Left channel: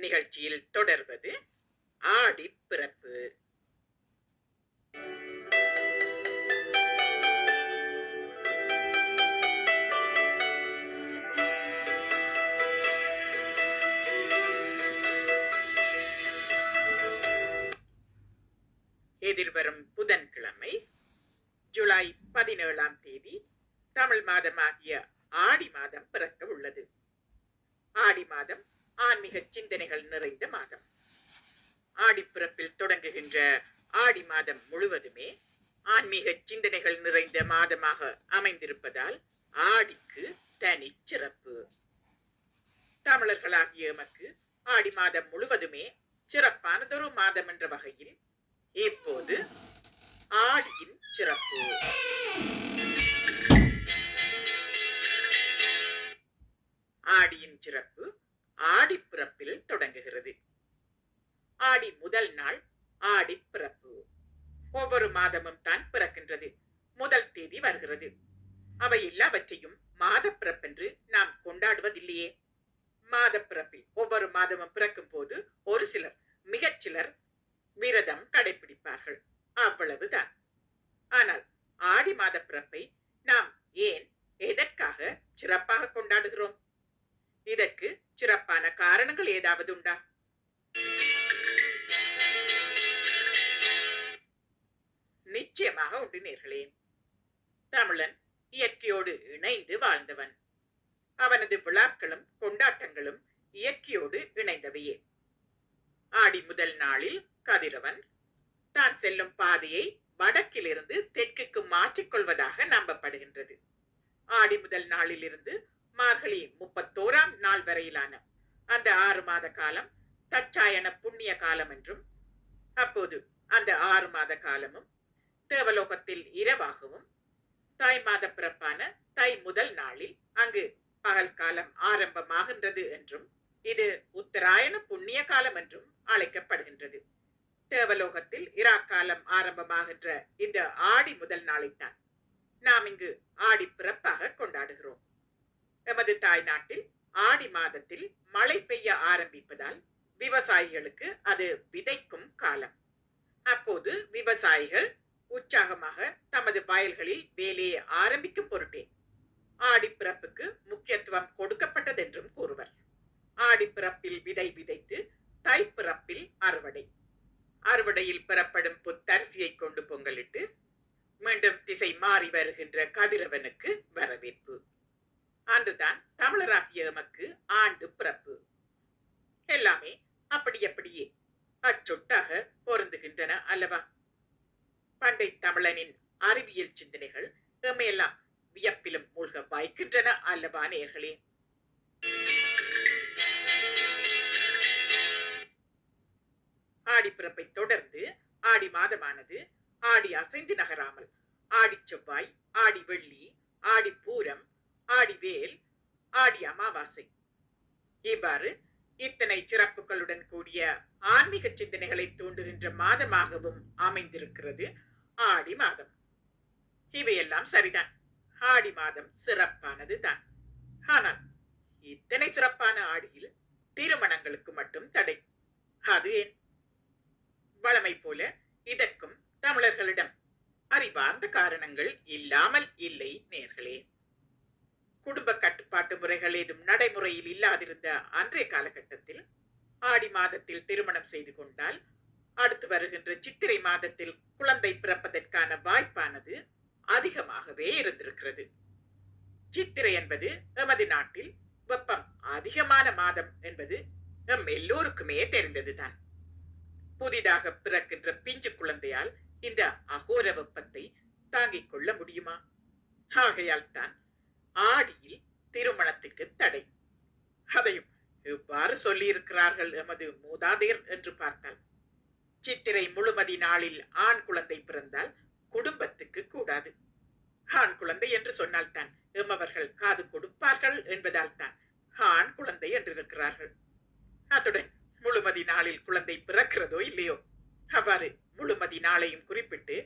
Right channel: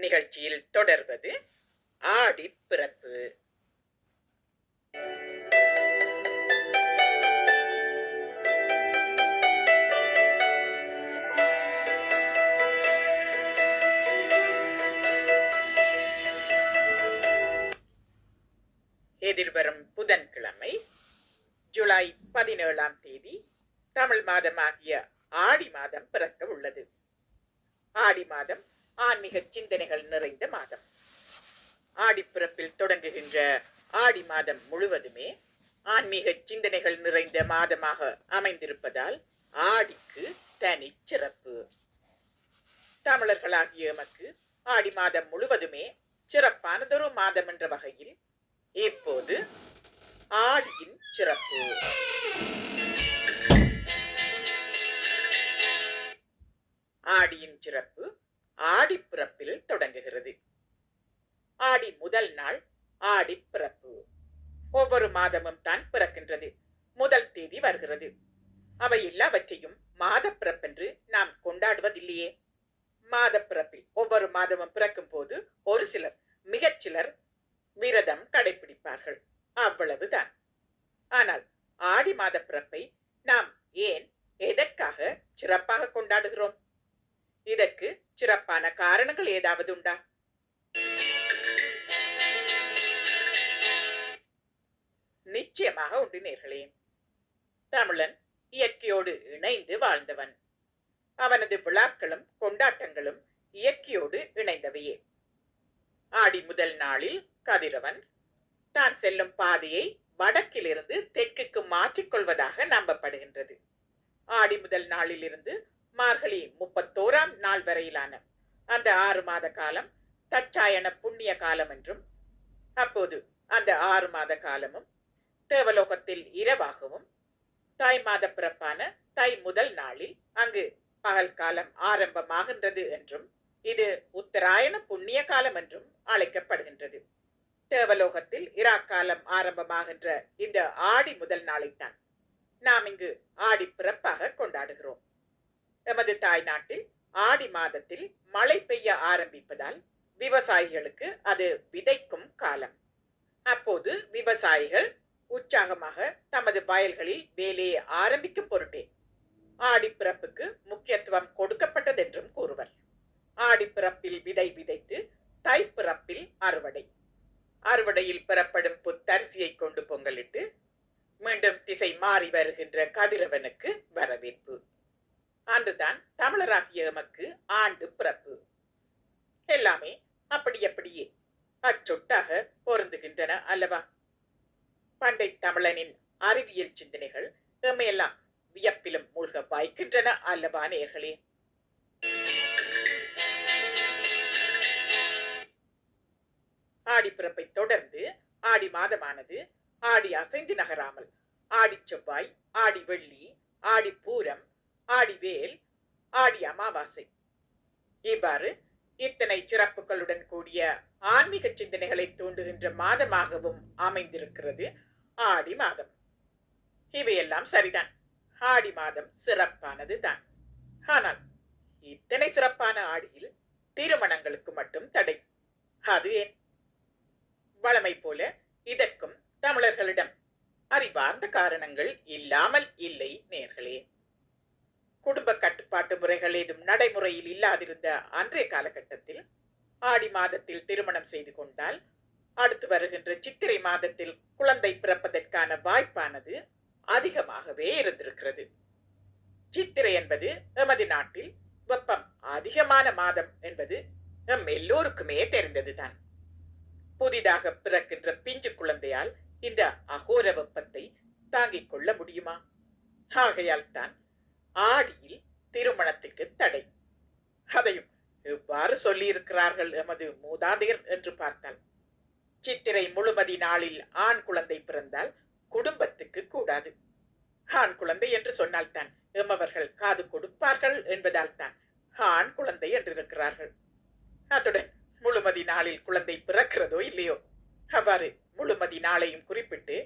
நிகழ்ச்சியில் தொடர்வது ஆடி பிறப்பு. எதிர்வரும் புதன்கிழமை ஜூலை பதினேழாம் தேதி தமிழ் மாதமாகிய ஆடி மாதம் பிறக்க உள்ளது ஆடி மாதம் ஆன்மீக சிந்தனைகள் நிறைந்த மாதம். ஆடிப்பிறப்பில் தொடங்குகின்ற ஆடி மாதம் முழுவதுமே ஆன்மீக சிந்தனைகள் நிறைந்த மாதமாக அமைந்திருப்பதால் ஆடிக்கு தனி சிறப்பு. தமிழர்களாகிய எமக்கு ஆடி மாதம் முழுவதுமே சிறப்பானதொரு மாதம் என்ற வகையில் இப்போது ஆடியின் சிறப்பு. ஆடியின் சிறப்பு ஆடிப்பிறப்பில் தொடங்குகிறது. ஆடி முதல் நாள் ஆடிப்பிறப்பு. ஒவ்வொரு மாதமும் தான் பிறக்கின்றது. முதல் தேதி வருகிறது. அவை எல்லாவற்றையும் மாதப்பிறப்பென்று நாம் கொண்டாடுவதில்லையே. மாதப்பிறப்பில் ஒவ்வொரு மாதமும் பிறக்கும் போது ஒரு சிலர் மிகச் சிலர் விரதம் கடைபிடிப்பார்கள் அவ்வளவுதான். ஆனால் ஆடி மாத பிறப்பை நாம் ஏன் எதற்காக சிறப்பாக கொண்டாடுகிறோம்? இதற்கு சிறப்பான காரணங்கள் ஏதாவது உண்டா? நிச்சயமாக உண்டு நேர்களே. தமிழன் இயற்கையோடு இணைந்து வாழ்ந்தவன். அவனது விழாக்களும் கொண்டாட்டங்களும் இயற்கையோடு இணைந்தவையே. ஆடி முதல் நாளில் கதிரவன் தான் செல்லும் பாதையை வடக்கிலிருந்து தெற்குக்கு மாற்றிக்கொள்வதாக நம்பப்படுகின்றது. ஆடி முதல் நாளிலிருந்து மார்கழி முப்பத்தோராம் நாள் வரையிலான அந்த ஆறு மாத காலம் தச்சாயன புண்ணிய காலம் என்றும் அப்போது அந்த ஆறு மாத காலமும் தேவலோகத்தில் இரவாகவும் தாய் மாத பிறப்பான தை முதல் நாளில் அங்கு பகல் காலம் ஆரம்பமாகின்றது என்றும் இது உத்தராயண புண்ணிய காலம் என்றும் அழைக்கப்படுகின்றது. தேவலோகத்தில் இராக்காலம் ஆரம்பமாகின்ற இந்த ஆடி முதல் நாளைத்தான் நாம் இங்கு ஆடி பிறப்பாக கொண்டாடுகிறோம். எமது தாய்நாட்டில் ஆடி மாதத்தில் மழை பெய்ய ஆரம்பிப்பதால் விவசாயிகளுக்கு அது விதைக்கும் காலம். அப்போது விவசாயிகள் உற்சாகமாக தமது வயல்களில் வேலையை ஆரம்பிக்கும் பொருட்டே ஆடிப்பிறப்புக்கு முக்கியத்துவம் கொடுக்கப்பட்டதென்றும் கூறுவர். ஆடிப்பிறப்பில் விதை விதைத்து தைப்பிறப்பில் அறுவடை. அறுவடையில் பெறப்படும் புத்தரிசியை கொண்டு பொங்கலிட்டு மீண்டும் திசை மாறி வருகின்ற கதிரவனுக்கு வரவேற்பு. அன்றுதான் தமிழராகிய எமக்கு ஆண்டு பிறப்பு. எல்லாமே அப்படி அப்படியே அச்சொட்டாக பொருந்துகின்றன அல்லவா? பண்டை தமிழனின் அறிவியல் சிந்தனைகள் எம்மையெல்லாம் வியப்பிலும் மூழ்க வாய்க்கின்றன அல்லவா நேர்களே? ஆடிப்பிறப்பை தொடர்ந்து ஆடி மாதமானது ஆடி அசைந்து நகராமல் ஆடி செவ்வாய் ஆடி வெள்ளி ஆடி பூரம் ஆடி வேல் ஆடி அமாவாசை. இவ்வாறு இத்தனை சிறப்புகளுடன் கூடிய ஆன்மீக சிந்தனைகளை தூண்டுகின்ற மாதமாகவும் அமைந்திருக்கிறது ஆடி மாதம். இவையெல்லாம் சரிதான். ஆடி மாதம் சிறப்பானது தான். ஆனால் இத்தனை சிறப்பான ஆடியில் திருமணங்களுக்கு மட்டும் தடை. அது ஏன்? வழமை போல இதற்கும் தமிழர்களிடம் அறிவார்ந்த காரணங்கள் இல்லாமல் இல்லை நேர்களே. குடும்ப கட்டுப்பாட்டு முறைகள் ஏதும் நடைமுறையில் இல்லாதிருந்த அன்றைய காலகட்டத்தில் ஆடி மாதத்தில் திருமணம் செய்து கொண்டால் அடுத்து வருகின்ற சித்திரை மாதத்தில் குழந்தை பிறப்பதற்கான வாய்ப்பானது அதிகமாகவே இருந்திருக்கிறது. சித்திரை என்பது எமது நாட்டில் வெப்பம் அதிகமான மாதம் என்பது எம் எல்லோருக்குமே தெரிந்ததுதான். புதிதாக பிறக்கின்ற பிஞ்சு குழந்தையால் இந்த அகோர வெப்பத்தை தாங்கிக் கொள்ள முடியுமா? ஆகையால் தான் ஆடியில் திருமணத்துக்கு தடை. அதையும் எவ்வாறு சொல்லியிருக்கிறார்கள் எமது மூதாதையர் என்று பார்த்தால். சித்திரை முழுமதி நாளில் ஆண் குழந்தை பிறந்தால் குடும்பத்துக்கு கூடாது. ஆண் குழந்தை என்று சொன்னால்தான் எம்மவர்கள் காது கொடுப்பார்கள் என்பதால் தான் ஆண் குழந்தை என்றிருக்கிறார்கள். அத்துடன் முழுமதி நாளில் குழந்தை பிறக்கிறதோ இல்லையோ? அவ்வாறு முழுமதி நாளையும் குறிப்பிட்டு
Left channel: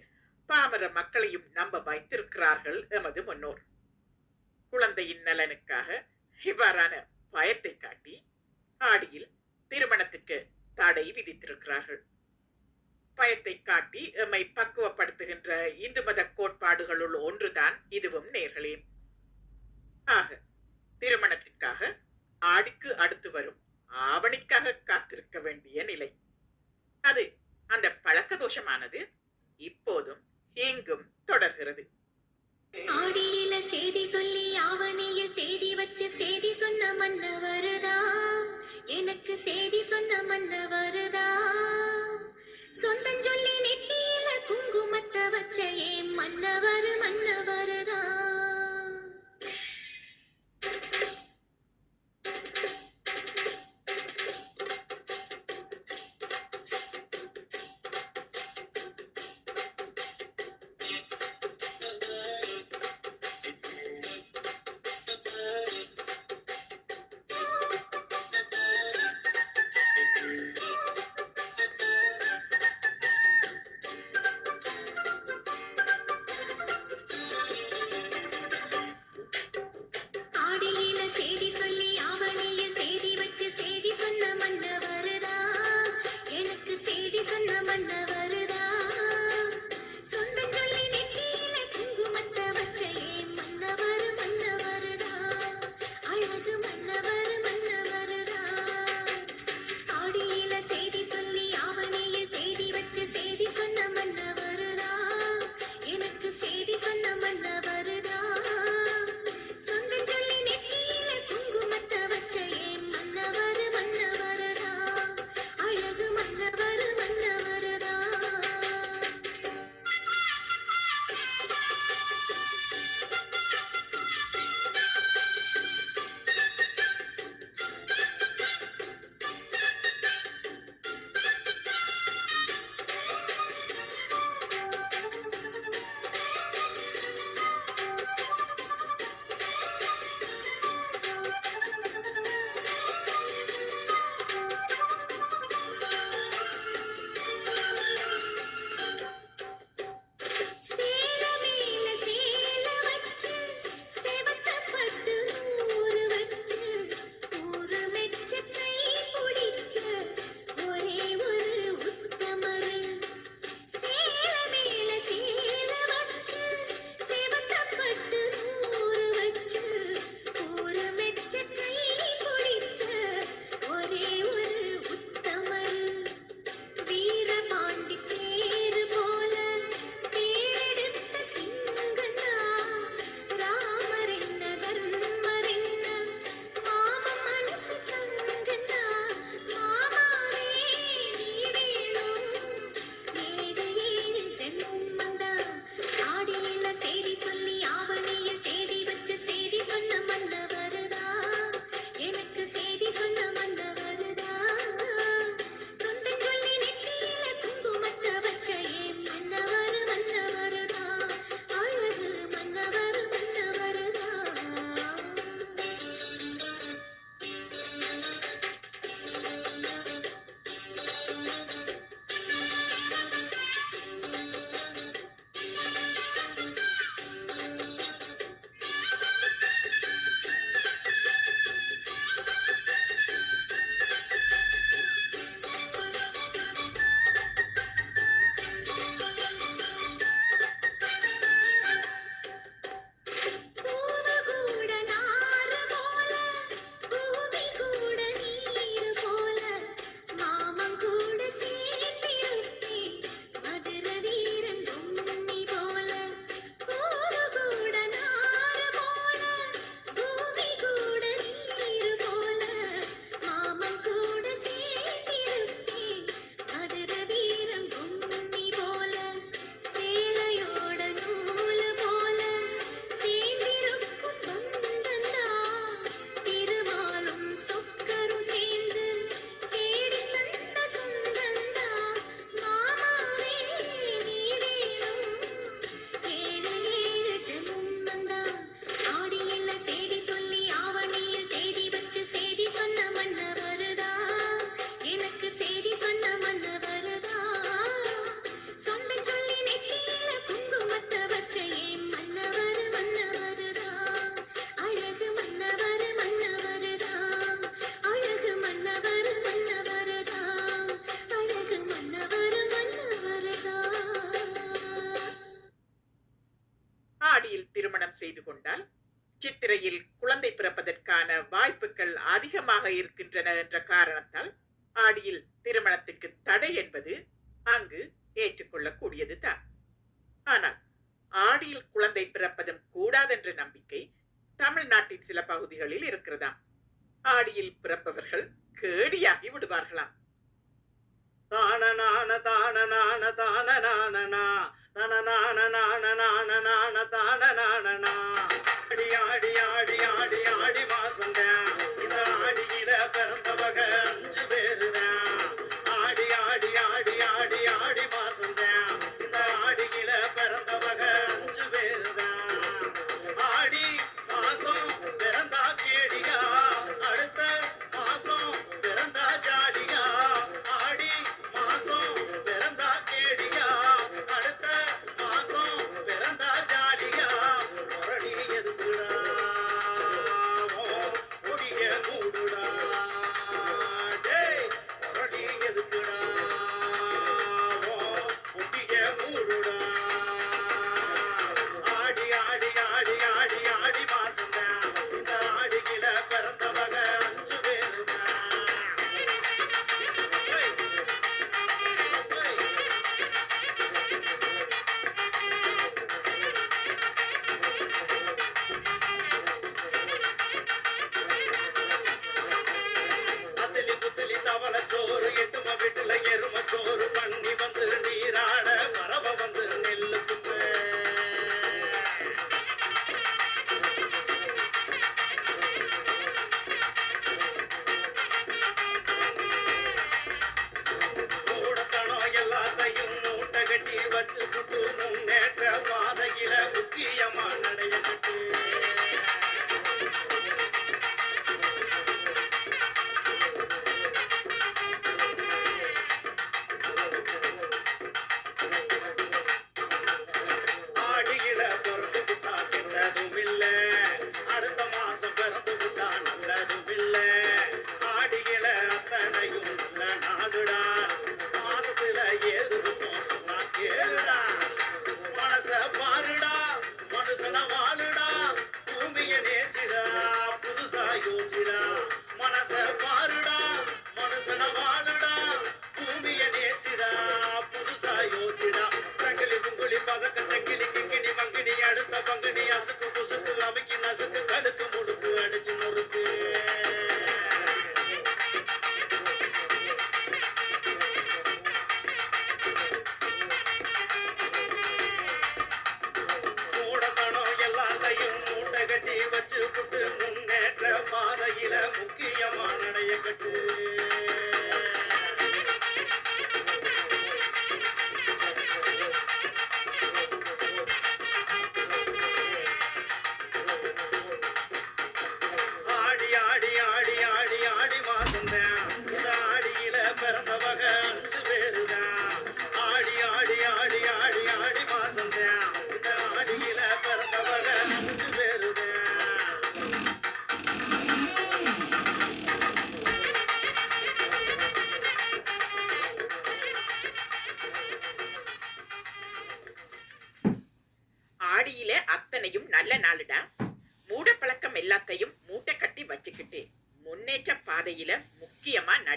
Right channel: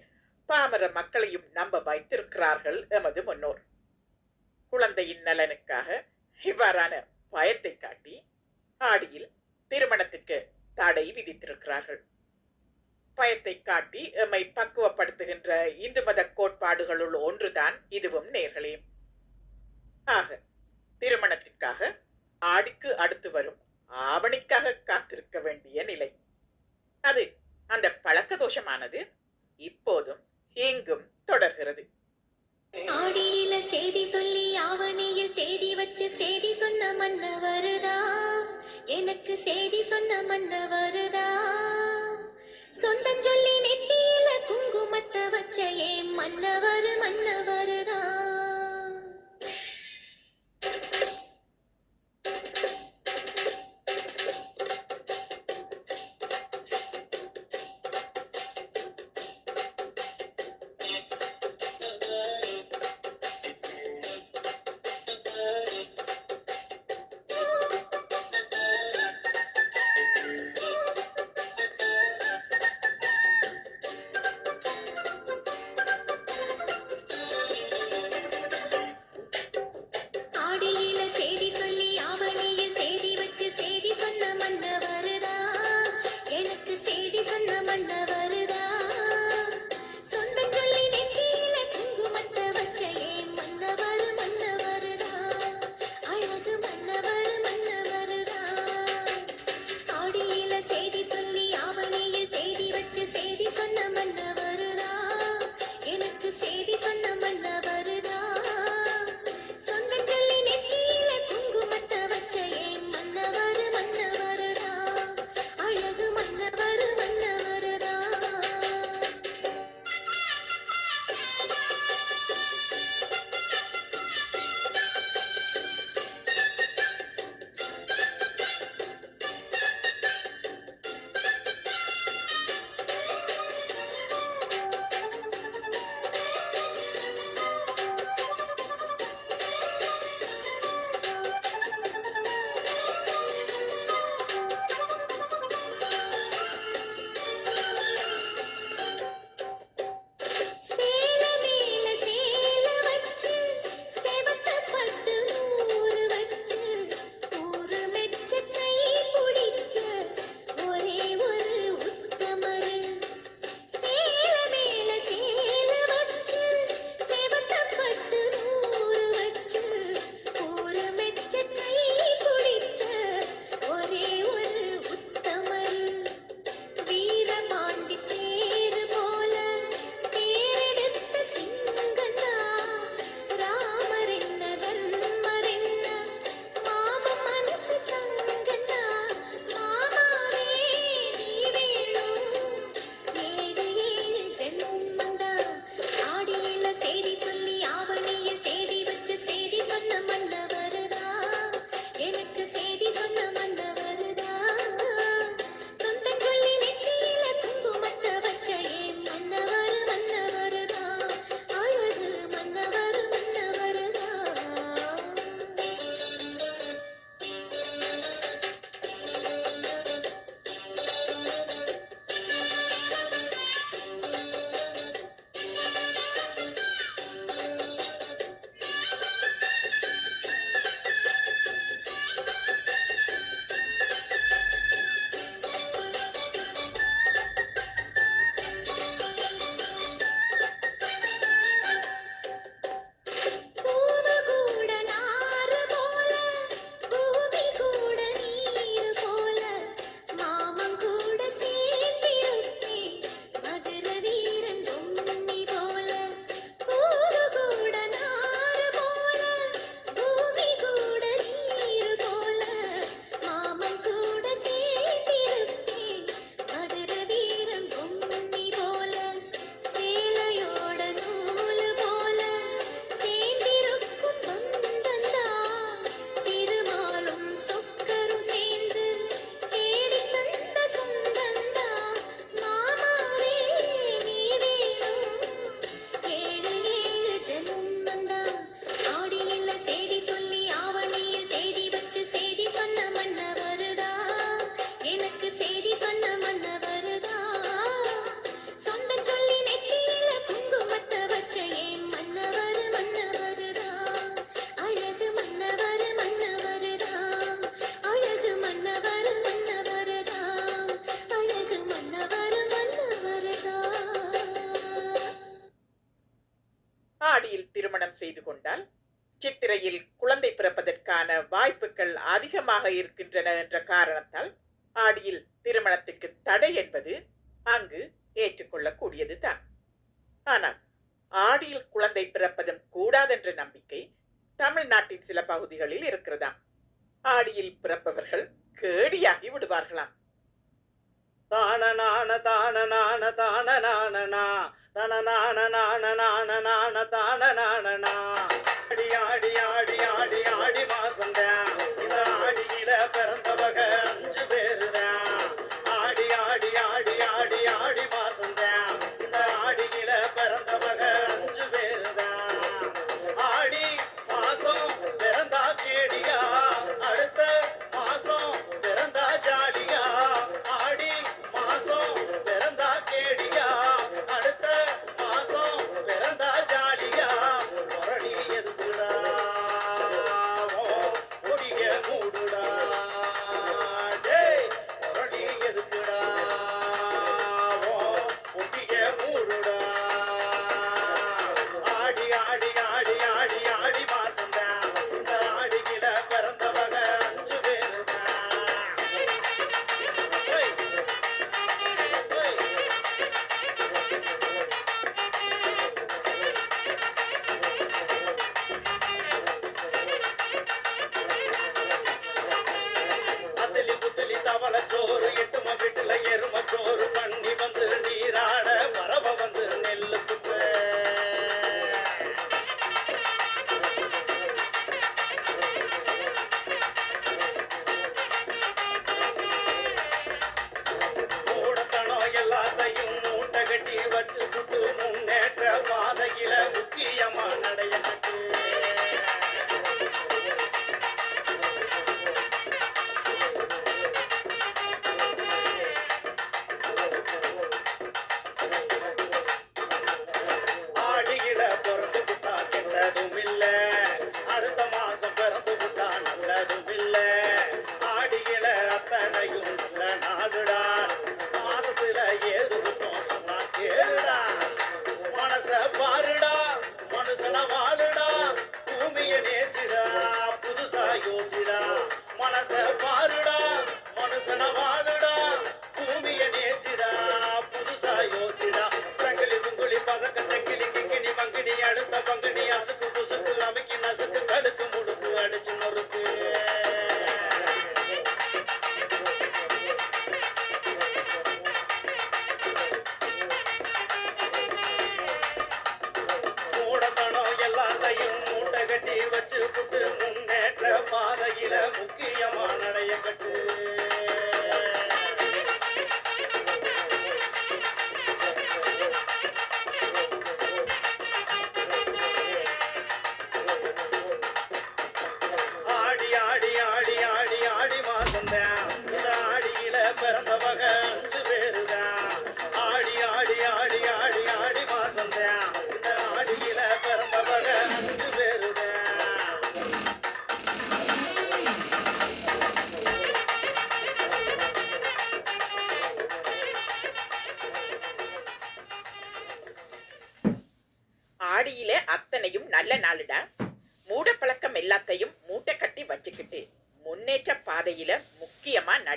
பாமர மக்களையும் நம்ப வைத்திருக்கிறார்கள் எமது முன்னோர். குழந்தையின் நலனுக்காக இவ்வாறான பயத்தை காட்டி ஆடியில் திருமணத்துக்கு தடை விதித்திருக்கிறார்கள். பயத்தை காட்டி எம்மை பக்குவப்படுத்துகின்ற இந்து மத கோட்பாடுகளுள் ஒன்றுதான் இதுவும் நேர்களே. ஆக திருமணத்திற்காக ஆடிக்கு அடுத்து வரும் ஆவணிக்காக காத்திருக்க வேண்டிய நிலை. அது அந்த பழக்க தோஷமானது இப்போதும் இங்கும் தொடர்கிறது. ஆடியில செய்தி வச்சு செய்தி சொன்ன மன்ன வருதா எனக்கு செய்தி சொன்ன மன்ன வருதா சொந்தம் சொல்லி என்ற காரணத்தால் ஆடியில் திருமணத்திற்கு தடை என்பது அங்கு ஏற்றுக்கொள்ளக்கூடியது தான் ஆனால் ஆடியில் குழந்தை பிறப்பதும் கூடாதென்ற நம்பிக்கை தமிழ்நாட்டின் சில பகுதிகளில் இருக்கிறதாம். ஆடியில் பிறப்பவர்கள் கேடியாகி விடுவார்களாம். தானநான தானநான தானநானனா தனநான நான நான நான தானநானனா ஆடி ஆடி ஆடி ஆடி ஆடி மாசம்தான் 되었습니다.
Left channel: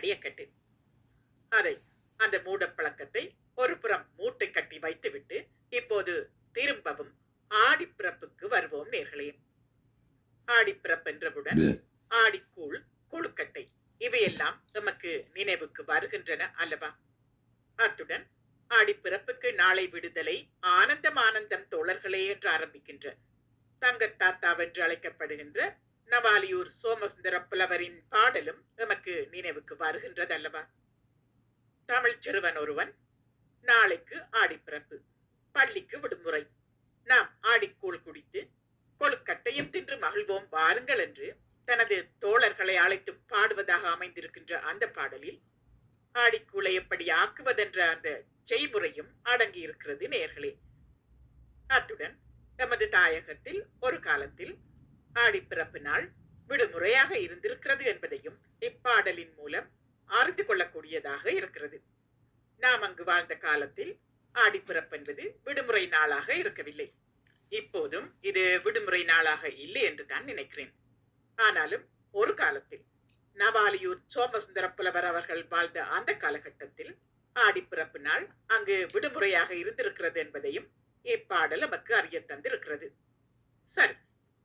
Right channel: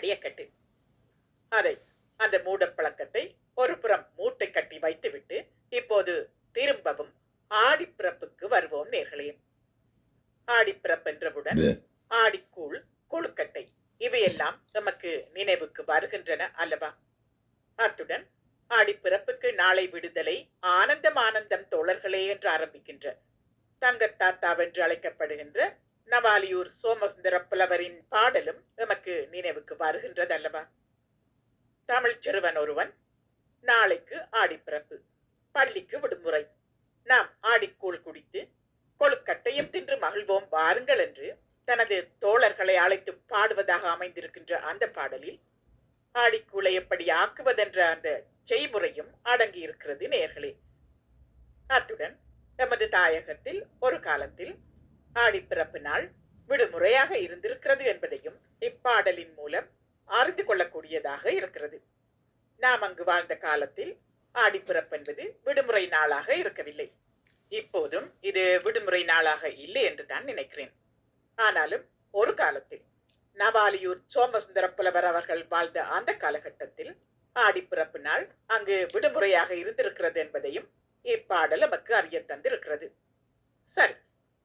முக்கியமா நடைய கட்டு. அதை அந்த மூட பழக்கத்தை ஒரு புறம் மூட்டை கட்டி வைத்துவிட்டு இப்போது திரும்பவும் ஆடிப்பிறப்புக்கு வருவோம் நேர்களே. ஆடிப்பிறப்பு என்றவுடன் ஆடிக்கூழ் கொழுக்கட்டை இவையெல்லாம் நமக்கு நினைவுக்கு வருகின்றன அல்லவா? அத்துடன் ஆடிப்பிறப்புக்கு நாளை விடுதலை ஆனந்தம் ஆனந்தம் தோழர்களே என்று ஆரம்பிக்கின்ற தங்கத்தாத்தாவென்று அழைக்கப்படுகின்ற நவாலியூர் சோமசுந்தர புலவரின் பாடலும் நமக்கு நினைவுக்கு வருகின்றது அல்லவா தமிழ் சிறுவன் ஒருவன் நாளைக்கு ஆடிப்பிறப்பு பள்ளிக்கு விடுமுறை. நாம் ஆடிக்கூழ் குடித்து கொழுக்கட்டையும் தின்று மகிழ்வோம் வாருங்கள் என்று தனது தோழர்களை அழைத்து பாடுவதாக அமைந்திருக்கின்ற அந்த பாடலில் ஆடிக்கூளை எப்படி ஆக்குவதென்ற அந்த செய்முறையும் அடங்கியிருக்கிறது நேர்களே. அத்துடன் நமது தாயகத்தில் ஒரு காலத்தில் ஆடிப்பிறப்பு நாள் விடுமுறையாக இருந்திருக்கிறது என்பதையும் இப்பாடலின் மூலம் அறிந்து கொள்ளக்கூடியதாக இருக்கிறது. நாம் அங்கு வாழ்ந்த காலத்தில் ஆடிப்பிறப்பு என்பது விடுமுறை நாளாக இருக்கவில்லை. இப்போதும் இது விடுமுறை நாளாக இல்லை என்று தான் நினைக்கிறேன். ஆனாலும் ஒரு காலத்தில் நவாலியூர் சோமசுந்தர புலவர் அவர்கள் வாழ்ந்த அந்த காலகட்டத்தில் ஆடிப்பிறப்பு நாள் அங்கு விடுமுறையாக இருந்திருக்கிறது என்பதையும் இப்பாடல் நமக்கு அறிய தந்திருக்கிறது. சரி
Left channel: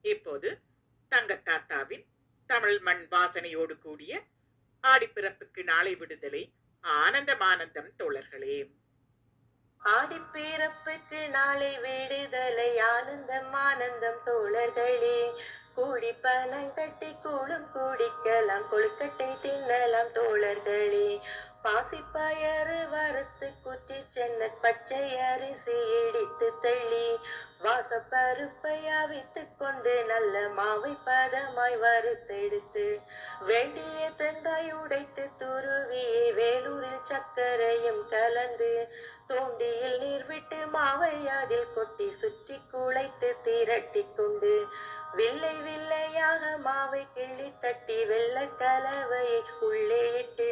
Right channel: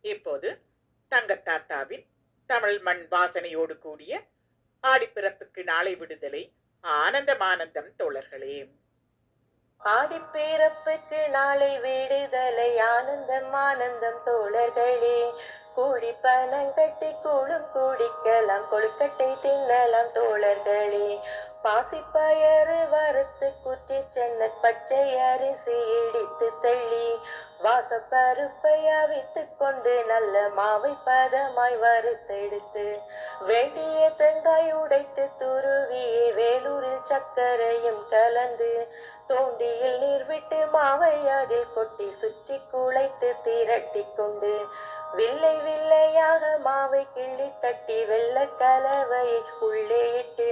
இப்போது தங்கத்தாத்தாவின் தமிழ் மண் வாசனையோடு கூடிய ஆடிப்பிறப்புக்கு நாளை விடுதலை. ஆனந்தமானந்தம் தோழர்களே. ஆடிப்பிறப்புக்கு நாளை விடுதலை. ஆனந்தம் ஆனந்தம் தோழர்களே. கூடி பணம் கட்டி கூடும் குடிக்கலாம் கொழுக்கட்டை தின்னலாம் தோழர்களே. பாசிப்பயறு வறுத்து குற்றி சென்ன பச்சை அரிசி இடித்து தள்ளி வாசப்பருப்பை அவித்து கொண்டு நல்ல மாவை பதமாய் வறுத்தெடுத்து வேண்டிய தேங்காய் உடைத்து துருவி வேலூரில் சர்க்கரையும் கலந்து தோண்டியில் நீர் விட்டு மாவை அதில் கொட்டி சுற்றி குழைத்து திரட்டி கொண்டு வில்லை வில்லையாக மாவை கிள்ளி தட்டி வெள்ள கலவையை உள்ளே இட்டு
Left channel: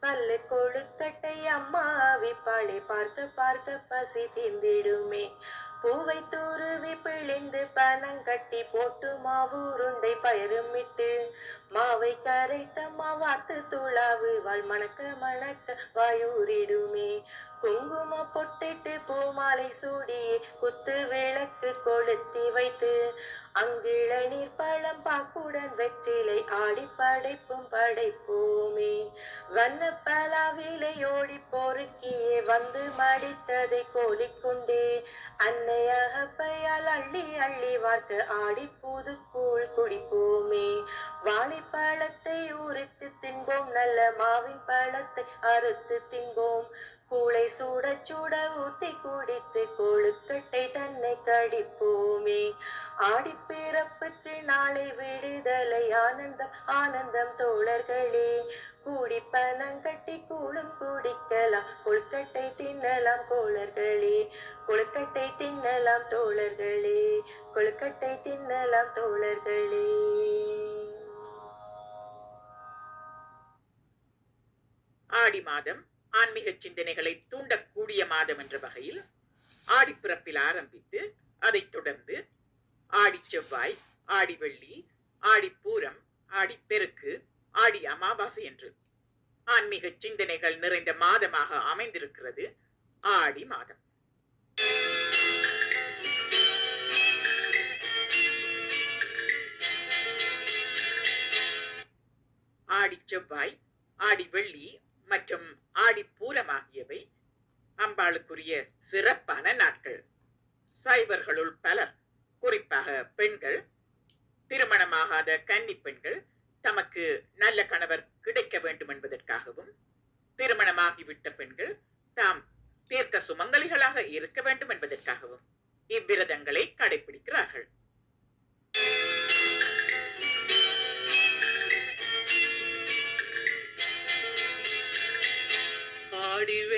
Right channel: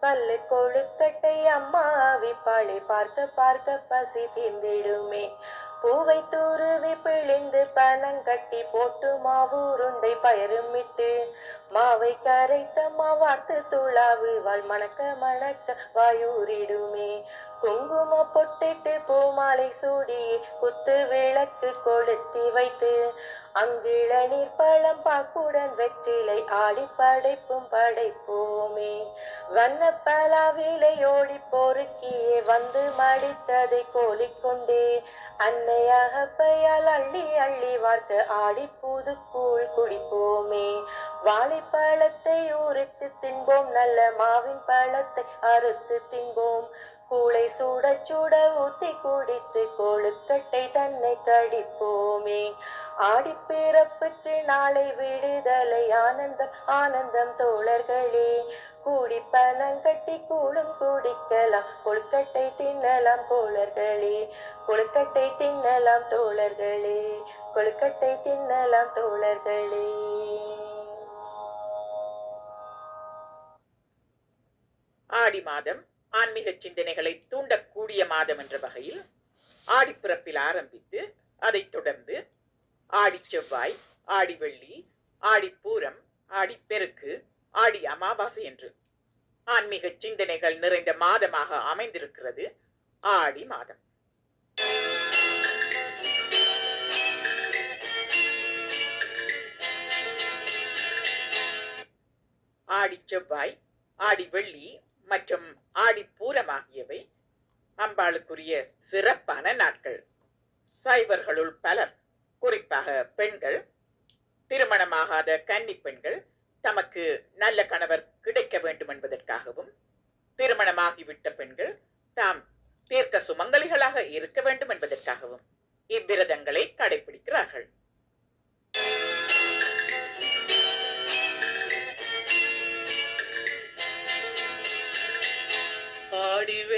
பல்லு கொழுக்கட்டை அம்மாவி பழி பார்க்க பார்க்க பசி தீர்ந்திடுமே. பூவை தூருவி பிழிந்து பனங்கட்டி போட்டு மாவு உருண்டை மாவை கரைத்த மாவாட்டு துளாவு வாழ் மணக்க மணக்க வாயூரிடுமே. குங்கும பொட்டிட்டு பூமாலை சூடி குத்து விளக்கு கொளுத்தி வைத்து அங்கிள நீர் பழம் பாக்குடன் வெற்றிலை ஆடி படைப்பும் படைப்போமே. வண்ண பலாவிலை ஓடி பொறுக்கியே வந்து மடித்ததை கோலிக்கொண்டே அன்னையாக பெயால் அள்ளி அள்ளி வார்க்க ஆடி புது கூழ் குடிப்போமே. வாழைப்பழத்தை உரித்து தின்போம் நல்ல மாவின் பழத்தை அறுத்து தின்போம். கூளை சூட சூட ஊத்தி குடித்து கொழுக்கட்டை தன்னை கடிப்போமே ஆடிப்பிறப்புக்கு நாளை விடுதலை ஆனந்தம் ஆனந்தம் தோழர்களே. கூடி பணம் கட்டி கூடும் குடிக்கலாம் கொழுக்கட்டை தின்னலாம் தோழர்களே. கொழுக்கட்டை தின்னலாம் தோழர்களே. கொழுக்கட்டை தின்னலாம் தோழர்களே. ஆடி மாதம் ஆன்மீக சிந்தனைகளை தூண்டக்கூடிய மாதம் என்ற வகையில் ஆடிப்பிறப்பில் ஆரம்பித்து அதைத் தொடர்ந்து ஆடி செவ்வாய் ஆடி வெள்ளி ஆடி பூரம் ஆடி பெருக்கு ஆடி அமாவாசை என்று ஆன்மீக சிந்தனைகள் நிறைந்த மாதமாக அமைந்திருக்கிறது ஆடி மாதம். ஆடி செவ்வாய் ஆடி வெள்ளி மற்றும் ஆடிப்பூரம் ஆகியவை அம்பாளுக்குரிய சிறப்பான நாட்கள். சைவர்களுள் பலர் குறிப்பாக பெண்கள் திருமணமாகாத கன்னி பெண்கள் தமக்கு நல்ல கணவர் கிடைக்க வேண்டும் என்பதற்காகவும் திருமணமாகிவிட்ட பெண்கள் தாம் தீர்க்க சுமங்கலிகளாக இருக்க வேண்டும் என்பதற்காகவும் இவ்விரதங்களை கடைபிடிக்கிறார்கள் ஆடி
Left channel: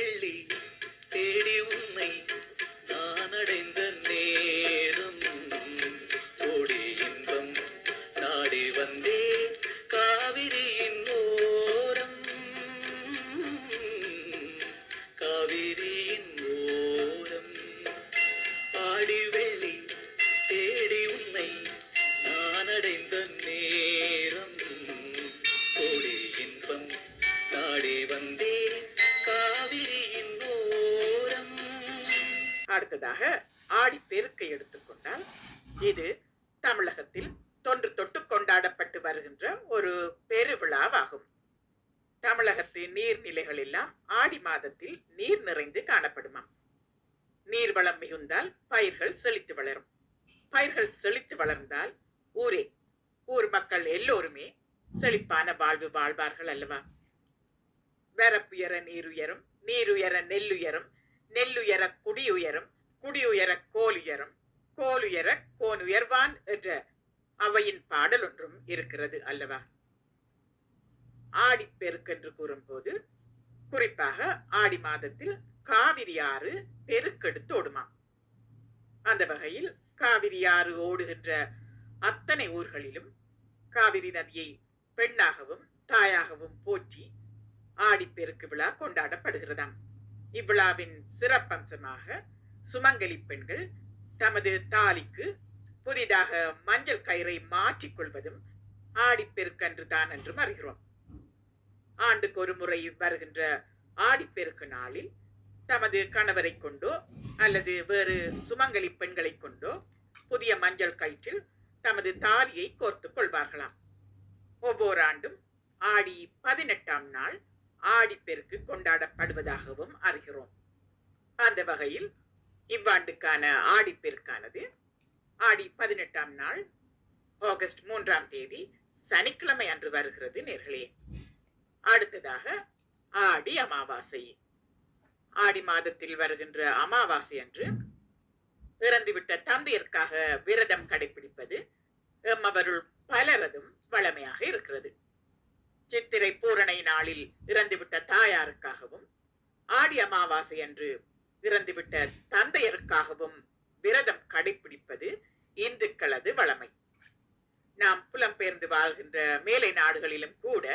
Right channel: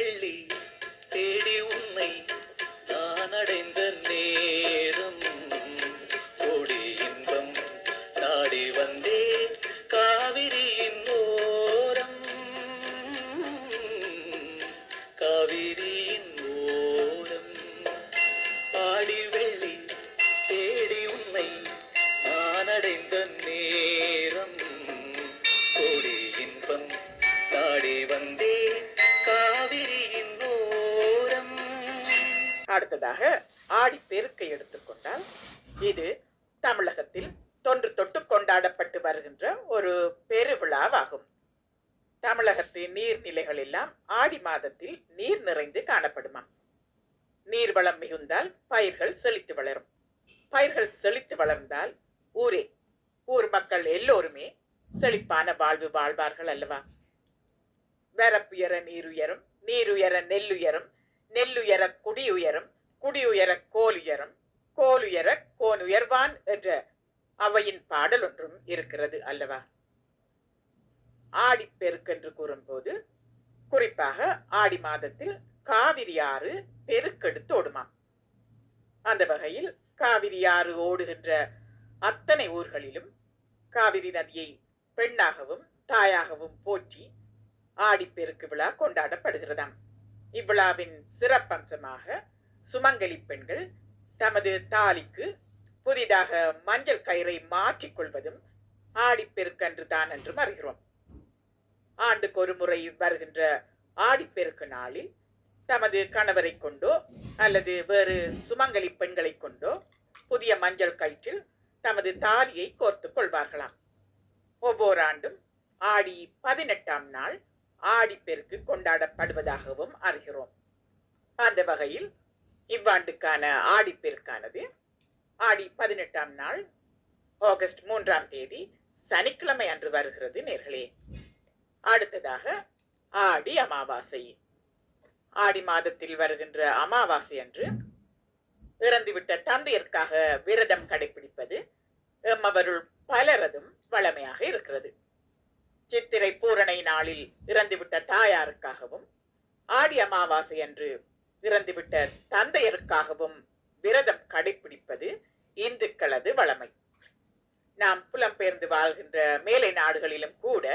கொண்டாடப்பட்டு வருகின்ற ஒரு பெருவிழாவாகும். தமிழகத்தின் நீர்நிலைகள் எல்லாம் ஆடி மாதத்தில் நீர் நிறைந்து காணப்படுமாம். நீர்வளம் மிகுந்தால் பயிர்கள் செழித்து வளரும். பயிர்கள் செழித்து வளர்ந்தால் ஊரே ஊர் மக்கள் எல்லோருமே செழிப்பான வாழ்வு வாழ்வார்கள் அல்லவா? வரப்புயர நீருயரும் நீருயர நெல்லுயரும் நெல்லுயர குடியுயரும் குடியுயர கோலுயரும் கோலுயர கோனுயர்வான் என்ற அவையின் பாடல் ஒன்றும் இருக்கிறது அல்லவா? ஆடிப்பெருக்கென்று கூறும்போது குறிப்பாக ஆடி மாதத்தில் காவிரி ஆறு பெருக்கெடுத்து ஓடுமாம். அந்த வகையில் காவிரி ஆறு ஓடுகின்ற அத்தனை ஊர்களிலும் காவிரி நதியை பெண்ணாகவும் தாயாகவும் போற்றி ஆடிப்பெருக்கு விழா கொண்டாடப்படுகிறதாம். இவ்விழாவின் சிறப்பம்சமாக சுமங்கலி பெண்கள் தமது தாலிக்கு புதிதாக மஞ்சள் கயிறை மாற்றிக்கொள்வதும் ஆடிப்பெருக்கன்று தான் என்றும் அறிகிறோம். ஆண்டுக்கு ஒரு முறை வருகின்ற ஆடிப்பெருக்கு நாளில் தமது கணவரை கொண்டோ அல்லது வேறு சுமங்கலி பெண்களை கொண்டோ புதிய மஞ்சள் கயிற்றில் தமது தாலியை கோர்த்து கொள்வார்களாம். ஒவ்வொரு ஆண்டும் ஆடி பதினெட்டாம் நாள் ஆடிப்பெருக்கு கொண்டாடப்படுவதாகவும் அறிகிறோம். அந்த வகையில் இவ்வாண்டுக்கான ஆடிப்பெருக்கானது ஆடி பதினெட்டாம் நாள் ஆகஸ்ட் மூன்றாம் தேதி சனிக்கிழமை அன்று வருகிறது நேர்களே. அடுத்ததாக ஆடி அமாவாசை. ஆடி மாதத்தில் வருகின்ற அமாவாசை அன்று இறந்துவிட்ட தந்தையருக்காக விரதம் கடைபிடிப்பது எம்மவருள் பலரதும் வழமையாக இருக்கிறது. சித்திரை பூரணை நாளில் இறந்துவிட்ட தாயாருக்காகவும் ஆடி அமாவாசை அன்று இறந்துவிட்ட தந்தையருக்காகவும் விரதம் கடைபிடிப்பது இந்துக்களது வழமை நாம் புலம்பெயர்ந்து வாழ்கின்ற மேலை நாடுகளிலும் கூட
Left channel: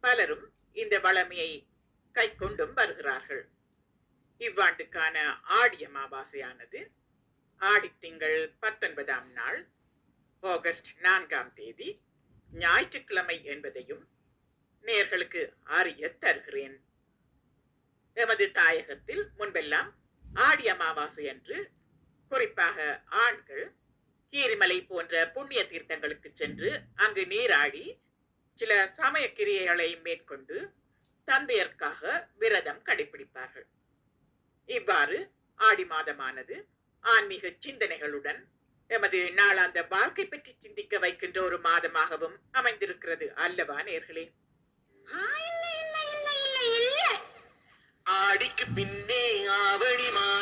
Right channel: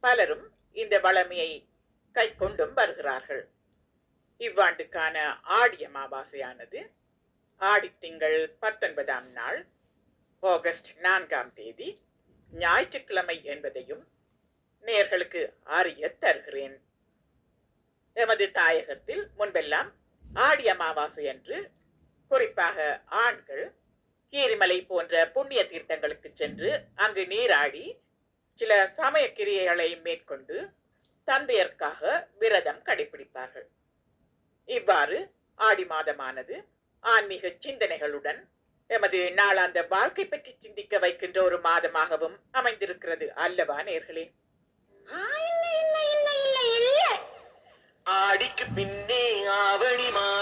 பலரும் இந்த வளமையை கை கொண்டும் வருகிறார்கள். இவ்வாண்டுக்கான ஆடி அமாவாசையானது ஆடித்திங்கள் பத்தொன்பதாம் நாள் ஆகஸ்ட் நான்காம் தேதி ஞாயிற்றுக்கிழமை என்பதையும் நேர்களுக்கு அறிய தருகிறேன். எமது தாயகத்தில் முன்பெல்லாம் ஆடி அமாவாசை என்று குறிப்பாக ஆண்கள் கீரிமலை போன்ற புண்ணிய தீர்த்தங்களுக்கு சென்று அங்கு நீராடி சில சமய கிரியைகளை மேற்கொண்டு தந்தையர்க்காக விரதம் கடைபிடிப்பார்கள். இவ்வாறு ஆடி மாதமானது ஆன்மீக சிந்தனைகளுடன் எமது நாளாந்த வாழ்க்கை பற்றி சிந்திக்க வைக்கின்ற ஒரு மாதமாகவும் அமைந்திருக்கிறது அல்லவா நேர்களே? ஆடிக்கு பின்னே ஆவணி மா